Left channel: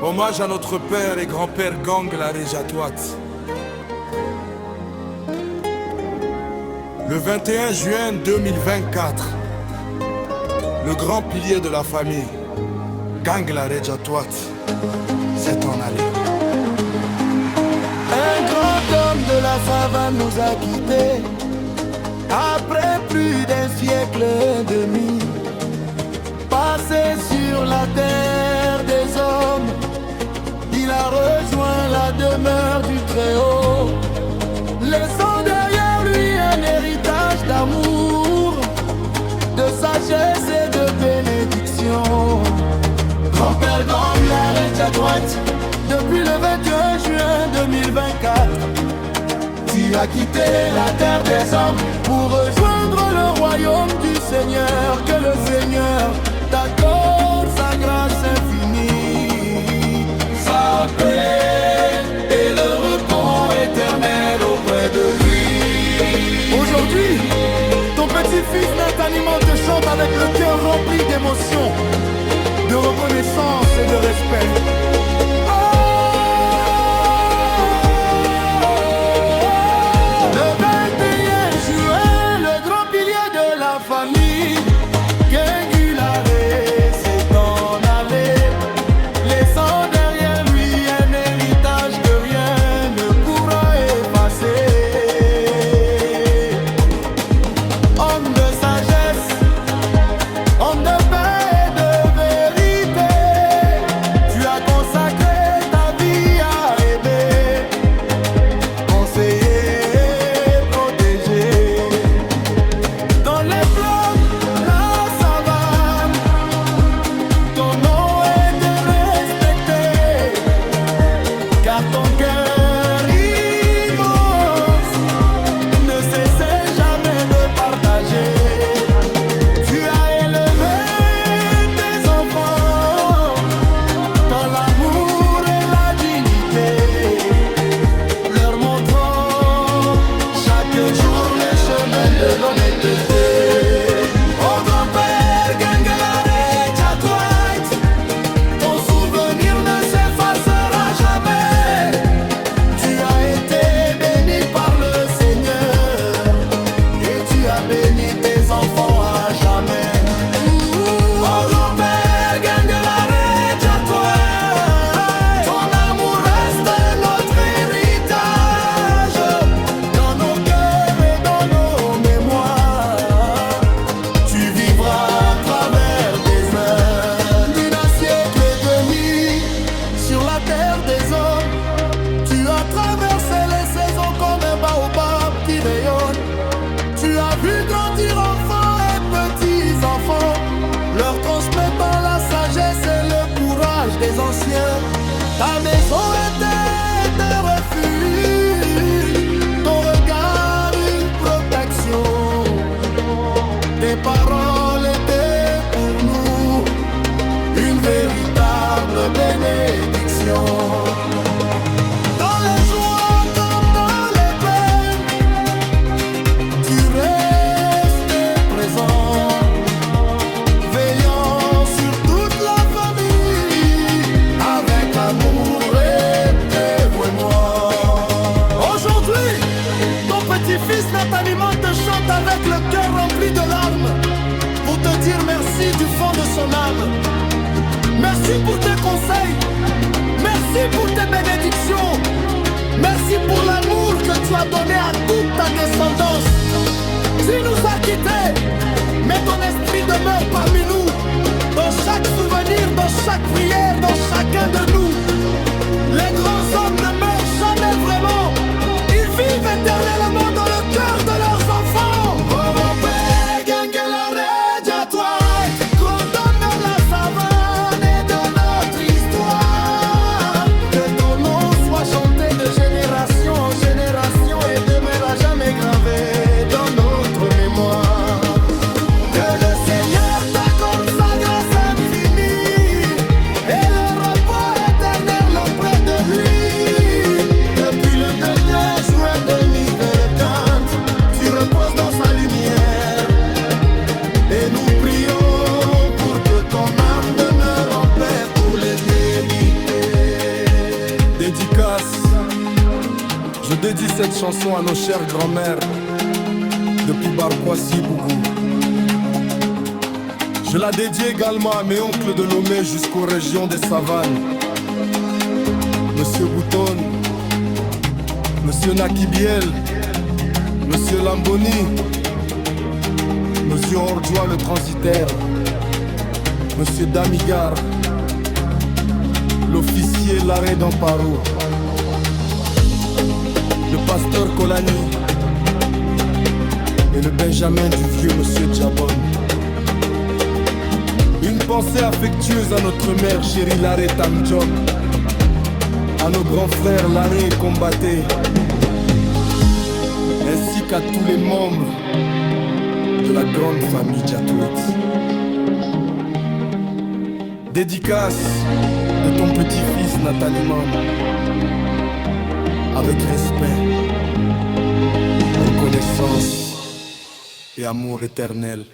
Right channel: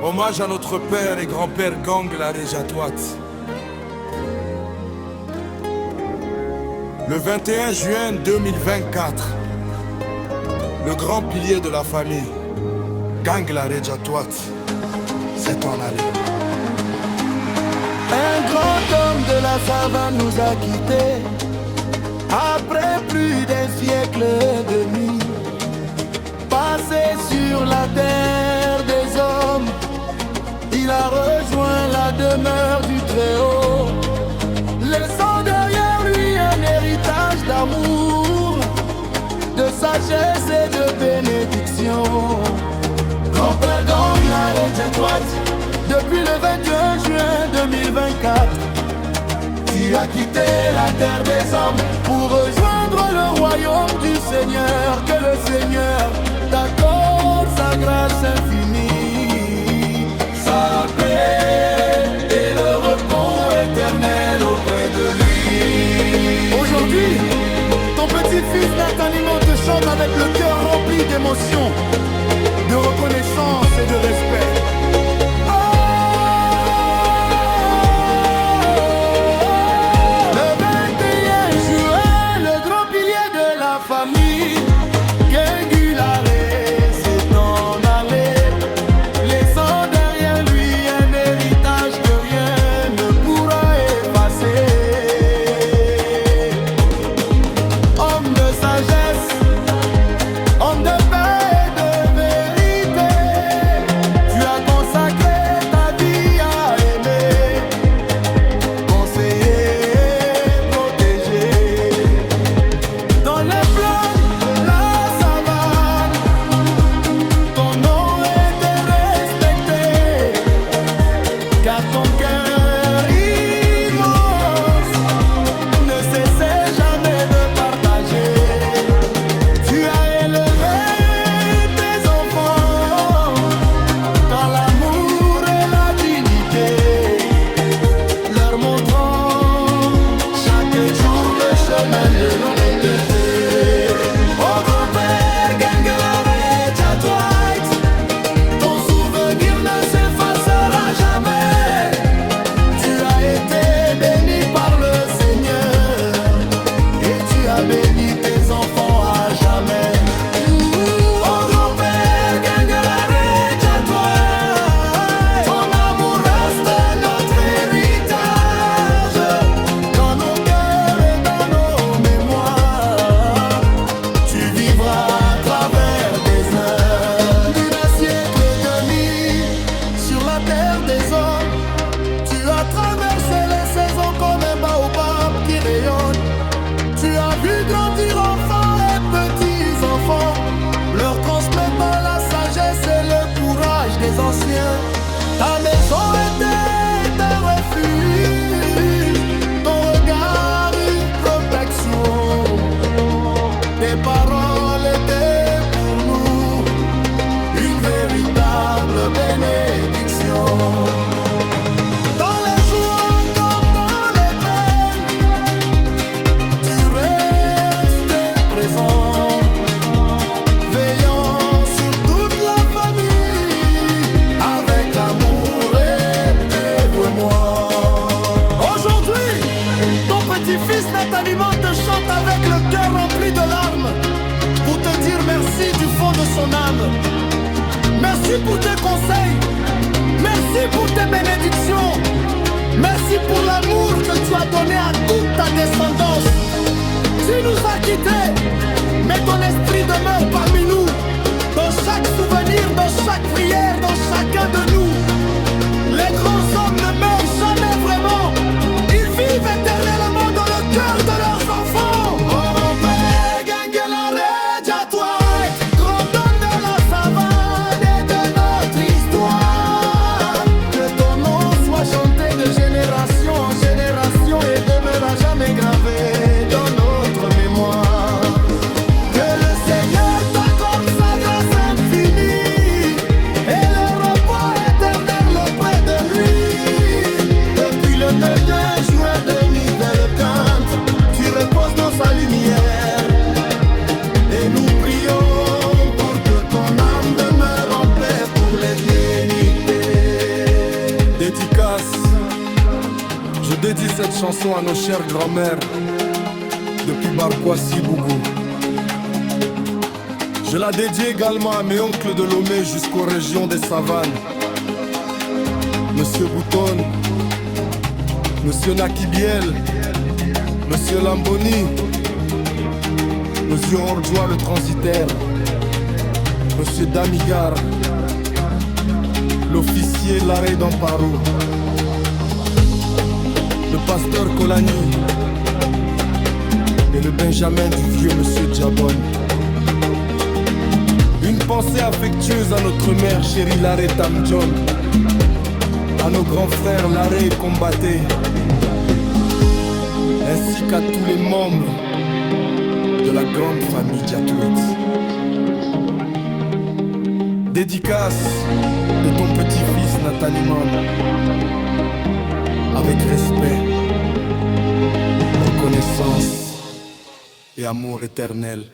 Hommage à notre père et grand-père Gangla Rejatwat. Le 21 juin 2024, le grand pilier de la famille, Gangla Rejatwat, s'est en allé. Un grand homme de la savane nous a quittés après plus d'un siècle et demi. Passé sur la terre des hommes, il a rejoint la demeure du Très-Haut, laissant derrière lui un héritage d'amour, de sagesse et de bénédiction. Grand-père Gangla Rejatwat, depuis le 21 juin 2024, tu as quitté la terre des hommes pour rejoindre le royaume du Seigneur. Que le Seigneur t'accorde sa grâce infinie, sa paix et le repos éternel auprès de lui. Aujourd'hui, ton petit-fils Nathan te chante avec le cœur rempli d'émotion, de reconnaissance et de respect. Le 21 juin, le grand pilier de la famille, Gengulare, s'est en allé, laissant derrière lui un héritage que rien ne pourra effacer. Homme de sagesse, homme de paix et de vérité, tu as consacré ta vie à aimer, conseiller, protéger. Dans les plaines, la savane, ton nom était respecté, car ton cœur immense ne cessait jamais de partager. Tu as élevé tes enfants dans l'amour et la dignité, leur montrant chaque jour le chemin de l'honnêteté. Oh grand-père Gangla Rejatwat, ton souvenir ne s'effacera jamais. Tu as été béni par le Seigneur et tu as béni tes enfants à jamais. Oh grand-père Gangla Rejatwat, ton amour reste notre héritage, dans nos cœurs et dans nos mémoires. Tu vivras à travers des heures d'un siècle et demi sur la terre des hommes. Tu as traversé les saisons comme un baobab qui rayonne. Tu as vu grandir enfants et petits-enfants, leur transmettant la sagesse et le courage des anciens. Ta maison était un refuge, ton regard une protection. Tes paroles étaient pour nous une véritable bénédiction. Dans les joies comme dans les peines, tu restais présent, veillant sur toute la famille avec amour et dévouement. Aujourd'hui, ton petit-fils Nathan te chante avec le cœur rempli de larmes pour te dire merci du fond de son âme. Merci pour tes conseils, merci pour tes bénédictions, merci pour l'amour que tu as donné à toute ta descendance. Tu nous as quittés, mais ton esprit demeure parmi nous, dans chaque souvenir, dans chaque prière, dans chacun de nous. Les grands hommes ne meurent jamais vraiment, ils vivent éternellement dans le cœur de leurs enfants. Oh grand-père Gangla Rejatwat, grand homme de la savane et de notre histoire, que ton nom soit chanté de génération en génération et demeure à jamais gravé dans notre mémoire. Que le Seigneur t'accorde sa grâce infinie et le repos éternel auprès de lui. Depuis le 9 juin 2024, tu reposes dans sa lumière et nous prions pour que ton âme demeure en paix pour l'éternité. dédie cette chanson à nos chères grand-mères, depuis Barkwasi Boubou. Je la dédie également à mes oncles de Lomé jusqu'aux régions des savanes. Monsieur Bouton, Monsieur Nakibiel, Monsieur Lamboni, Monsieur Ordjoa le transitaire, Monsieur Damigar, l'officier Larrey d'Amparou, le pasteur Kolani et le Benjamin du vieux Monsieur Djabon. Une pensée affectueuse à notre mère chérie Larrey Tamdjom, à nos grands frères Larrey et Combaté, ainsi qu'à tous les membres de la grande famille Djatouit. Dédicace de ton petit-fils Nataliman, avec respect, reconnaissance et amour éternel.